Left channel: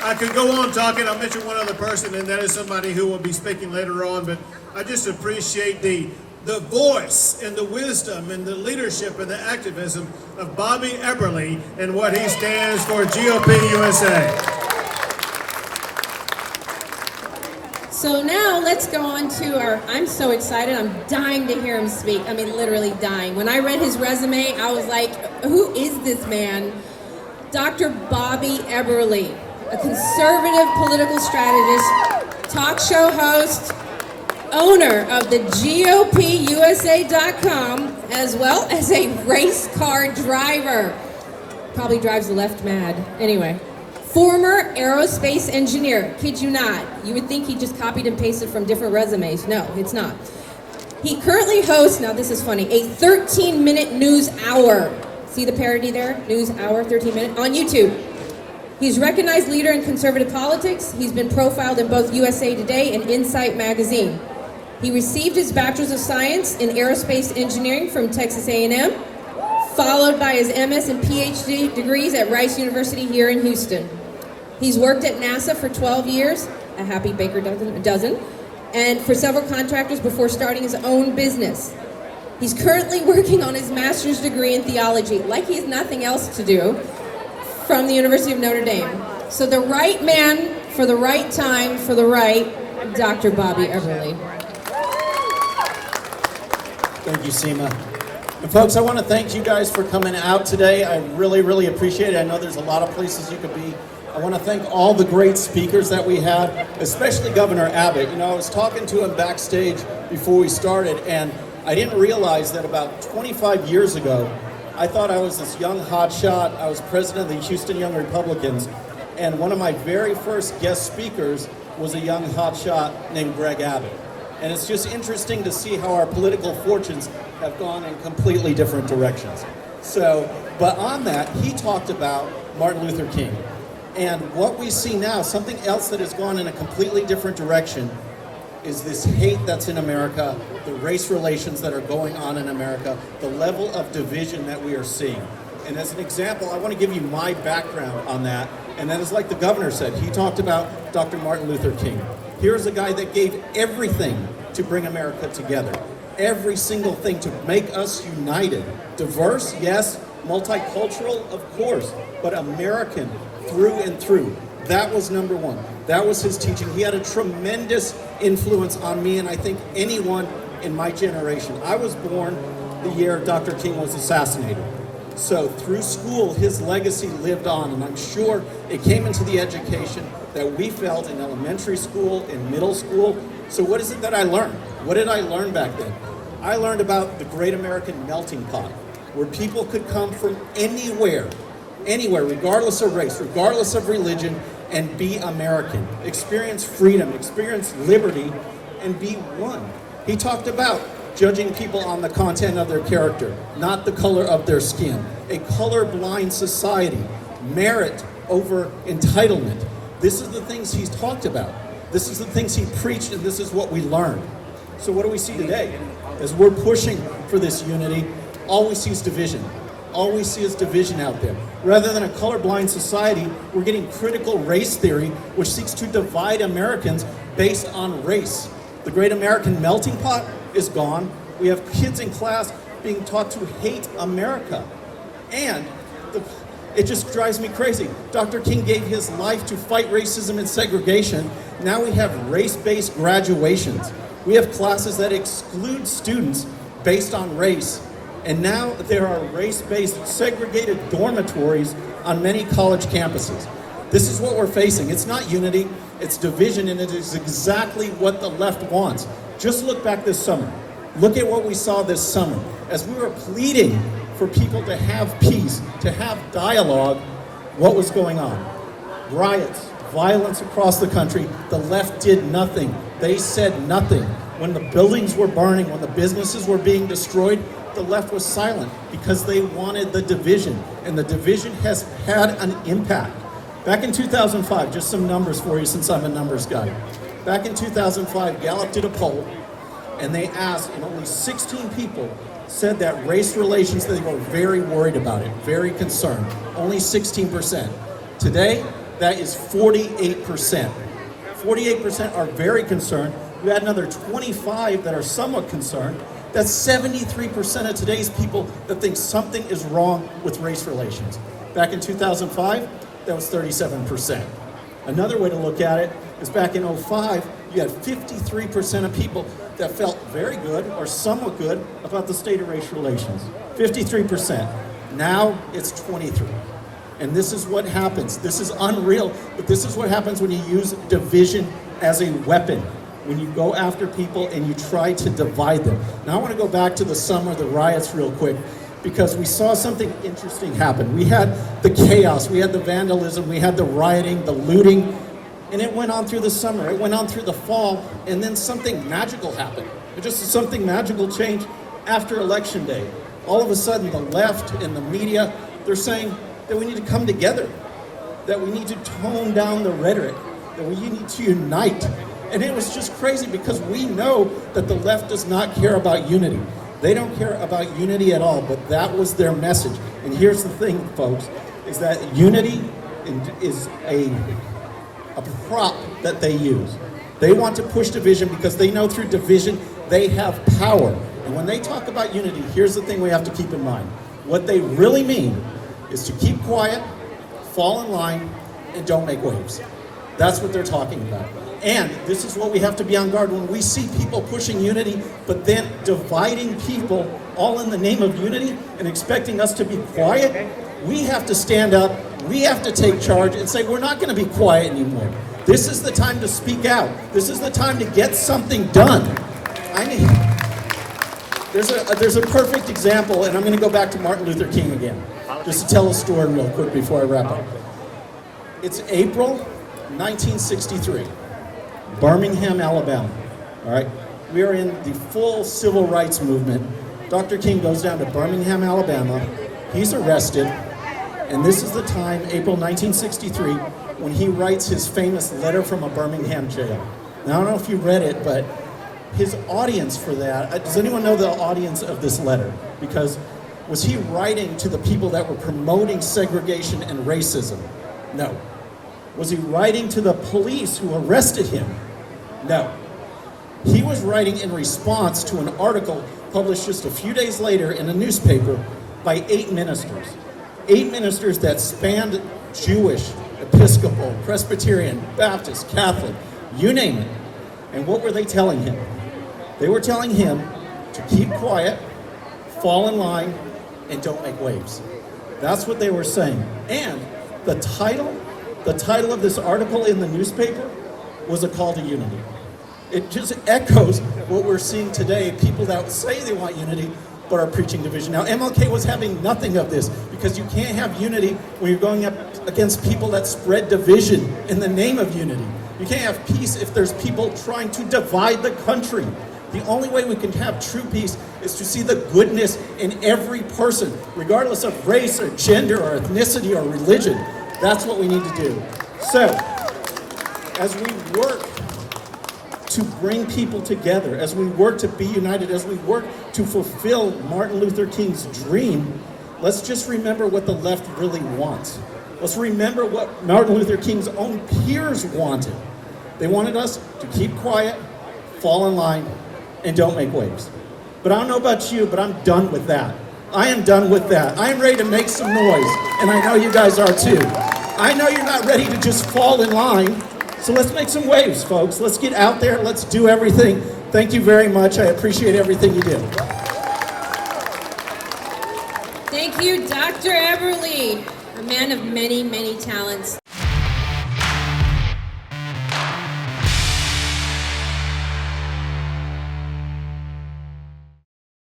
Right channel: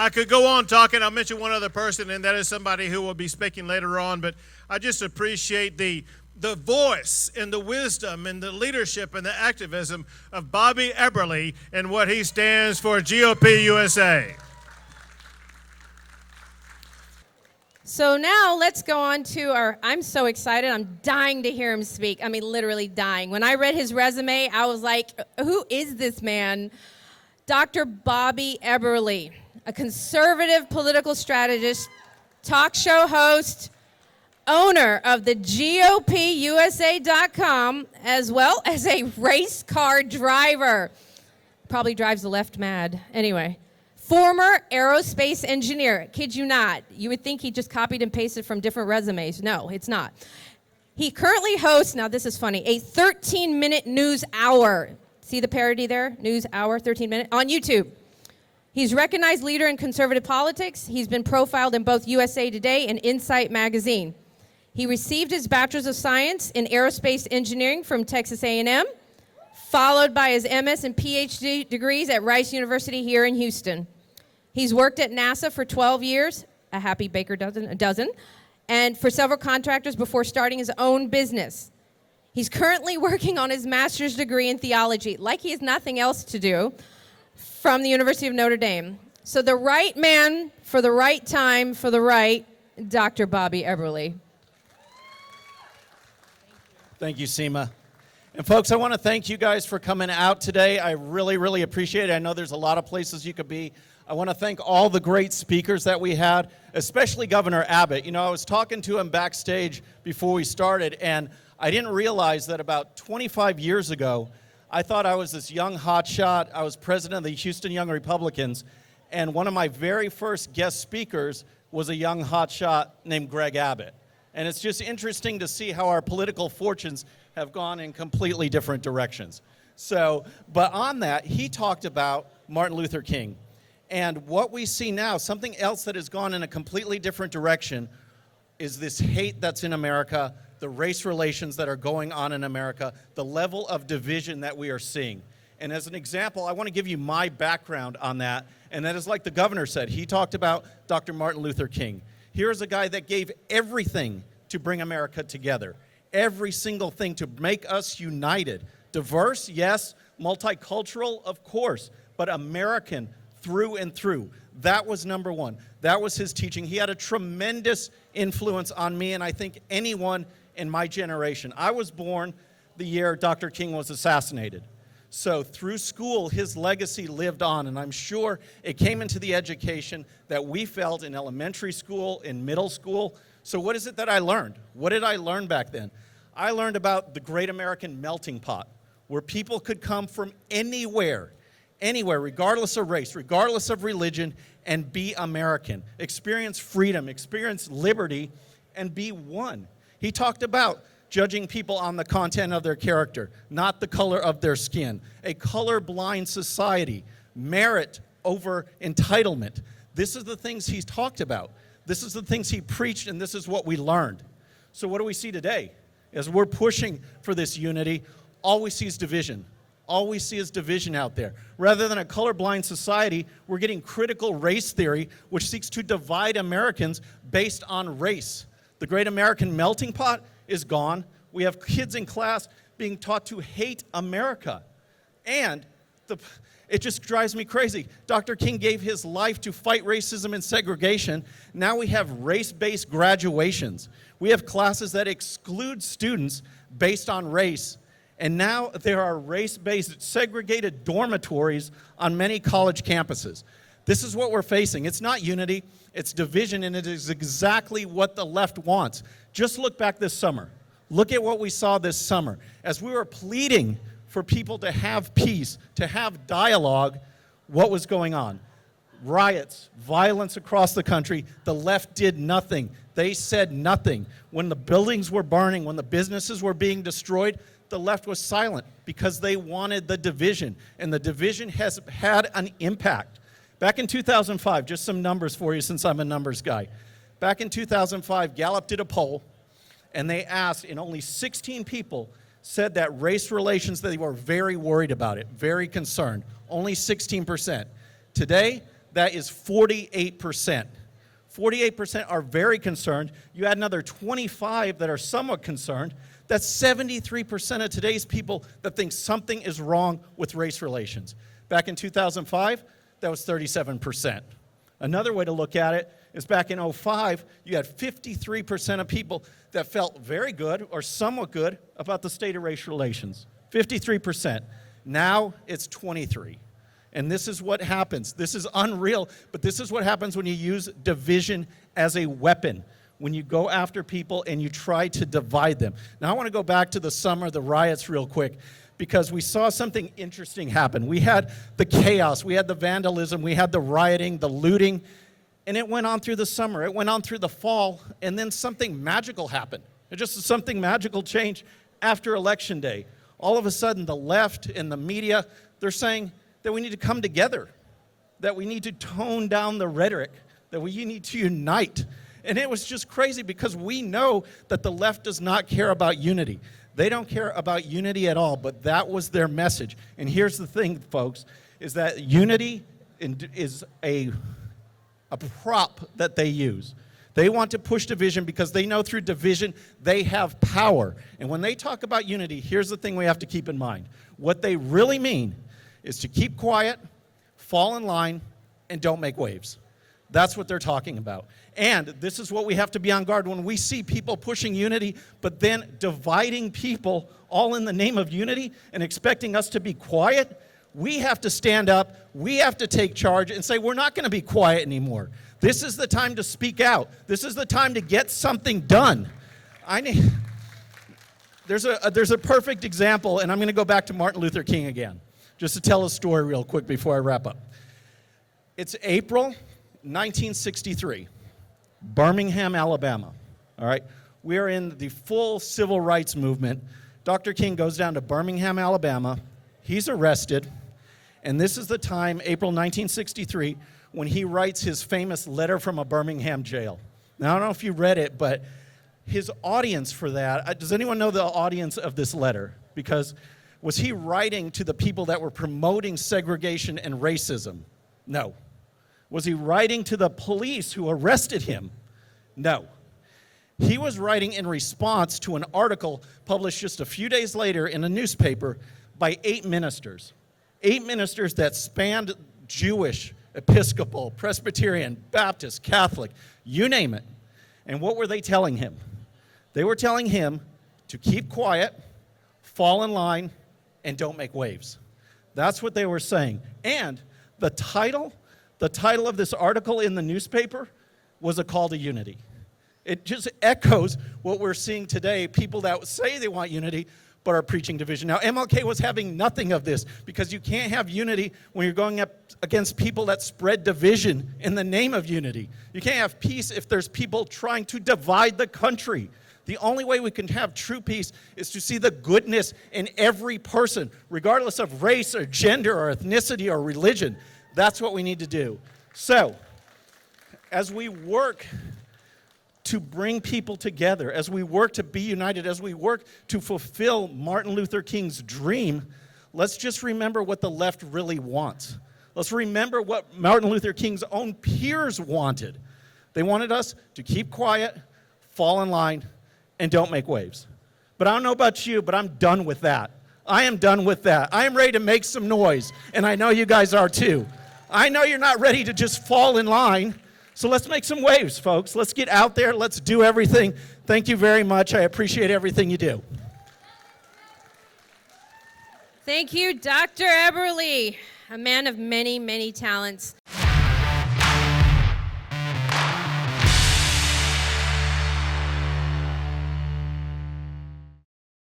I could go on talking. I'll mention one other person, and that is somebody who will be speaking later on. But I just appreciate the voice and the wisdom and the leadership and the activism of Bobby Eberle and what he stands for, GOP USA. So now let's go on to I'm so excited. I'm dying to hear him speak. I mean, literally dying. When I read his resume, I was like, who is this man? Dr. Bobby Eberle, a conservative political strategist, talk show host, owner of the GOPUSA.com, as well as a race car driver. Probably drives left mad. Anyway. Former aerospace engineer, kid you not. You would think he just copied and pasted from different resumes. No, it's not. He currently hosts, now this is funny, a 13-minute news hour. See the parody there? News hour, 13 minutes, on YouTube. He's a recognized leader in conservative politics. He's been profiled in both USA Today and Insight magazine. He received his Bachelor's of Science in Aerospace Engineering from Texas A&M, followed by his MS and PhD degrees at Rice University here in Houston. He's worked at NASA for 12 years, a happy baker dozen, and for several contractors before starting his own business. He's currently working on his master's degree in theology, like he has nothing else to do, from the University of Notre Dame. So the right man for the right time for the right, Dr. Bobby Eberle. Thank you, Seema. And folks, I want to thank you guys for coming out today. I really, really appreciate it. I know there's a lot of places you could be. I want to thank all the great speakers that we had, especially Governor Abbott. You know, I was talking to him backstage before we started, and I didn't realize that about 25 years ago, I thought I was this young hotshot. I was president of the Houston Young Republicans, and one of my very first guest speakers was a young hotshot named Greg Abbott. And it's just interesting to see how our political fortunes have gone in completely different directions. So, but on that, he talked about Martin Luther King. And what we see now, something else that has gone in a completely different direction, is this hate that's in America, the race relations that are going on in America, the level of division that we are seeing. And as an example, I want to give you my background on that. And as like the governor said, he talked about Dr. Martin Luther King. Here's a guy that gave everything to bring America together. Every single thing to make us united. Diverse, yes. Multicultural, of course. But American through and through. That was number one. That was his teaching. He had a tremendous influence on me, and I think anyone in my generation. I was born the year Dr. King was assassinated. So through school, his legacy lived on, and I'm sure it came into the education that we felt in elementary school, in middle school. So what is it that I learned? What did I learn back then? I learned about the great American melting pot, where people could come from anywhere, regardless of race, regardless of religion, and be American. Experience freedom, experience liberty, and be one. He talked about judging people on the content of their character, not the color of their skin. A colorblind society, merit over entitlement. This is the things he's talked about. This is the things he preached, and this is what we learned. So what do we see today? As we're pushing for this unity, all we see is division. All we see is division out there. Rather than a colorblind society, we're getting critical race theory, which seeks to divide Americans based on race. The great American melting pot is gone. We have kids in class being taught to hate America. And it just drives me crazy. Dr. King gave his life to fight racism and segregation. Now we have race-based graduations. We have classes that exclude students based on race. And now there are race-based segregated dormitories on many college campuses. This is what we're facing. It's not unity, it's division, and it is exactly what the left wants. Just look back this summer. Look at what we saw this summer. As we were pleading for people to have peace, to have dialogue, what was going on? Riots, violence across the country. The left did nothing. They said nothing. When the buildings were burning, when the businesses were being destroyed, the left was silent because they wanted the division, and the division has had an impact. Back in 2005, just some numbers for you since I'm a numbers guy. Back in 2005, Gallup did a poll, and they asked, and only 16 people said that race relations, they were very worried about it, very concerned. Only 16%. Today, that is 48%. 48% are very concerned. You had another 25 that are somewhat concerned. That's 73% of today's people that think something is wrong with race relations. Back in 2005, that was 37%. Another way to look at it is back in 2005, you had 53% of people that felt very good or somewhat good about the state of race relations. 53%. Now it's 23%. And this is what happens. This is unreal, but this is what happens when you use division as a weapon. When you go after people and you try to divide them. Now I want to go back to the summer of the riots real quick, because we saw something interesting happen. We had the chaos, we had the vandalism, we had the rioting, the looting, and it went on through the summer, it went on through the fall, and then something magical happened. Just something magical changed after Election Day. All of a sudden, the left and the media, they're saying that we need to come together, that we need to tone down the rhetoric, that we need to unite. And it was just crazy because we know that the left does not care about unity. They don't care about unity at all, but that was their message. And here's the thing, folks, is that unity is a prop that they use. They want to push division because they know through division they have power. And when they talk about unity, here's the thing we have to keep in mind. What they really mean is to keep quiet, fall in line, and don't make waves. That's what they're talking about. And this is what we have to be on guard when we see people pushing unity, but then dividing people all in the name of unity and expecting us to be quiet. We have to stand up, we have to take charge and say we're not going to be quiet anymore. This is the time to speak out. This is the time to get something done. There's a perfect example, and I'm going to go back to Martin Luther King again. Just tell the story real quick before I wrap up. It's April 1963. Birmingham, Alabama. All right, we are in the full civil rights movement. Dr. King goes down to Birmingham, Alabama. He's arrested, and this is the time, April 1963, when he writes his famous letter from a Birmingham jail. Now, I don't know if you read it, but his audience for that, does anyone know the audience of this letter? Because was he writing to the people that were promoting segregation and racism? No. Was he writing to the police who arrested him? No. He was writing in response to an article published just a few days later in a newspaper by 8 ministers. 8 ministers that spanned Jewish, Episcopal, Presbyterian, Baptist, Catholic, you name it. And what were they telling him? They were telling him to keep quiet, fall in line, and don't make waves. That's what they were saying. And the title of this article in the newspaper was a call to unity. It just echoes what we're seeing today, people that say they want unity but are preaching division. Now, MLK was having nothing of this because you can't have unity when you're going up against people that spread division in the name of unity. You can't have peace if there's people trying to divide the country. The only way we can have true peace is to see the goodness in every person, regardless of race or gender or ethnicity or religion. That's what we need to do. So, as we work to bring people together, as we work to be united, as we work to fulfill Martin Luther King's dream, let's just remember what the left really wants. Let's remember what Martin Luther King's own peers wanted. They wanted us to keep quiet, fall in line, and don't make waves. But I don't know about you, but I'm done with that. I am done with that. I am ready to make some noise, and I know you guys are too. I know you're not ready to just fall in line, so let's make some waves, folks. Let's get out there, let's do everything. Thank you very much. I appreciate everything you do. Thank you, Dr. Eberle, a man of many, many talents.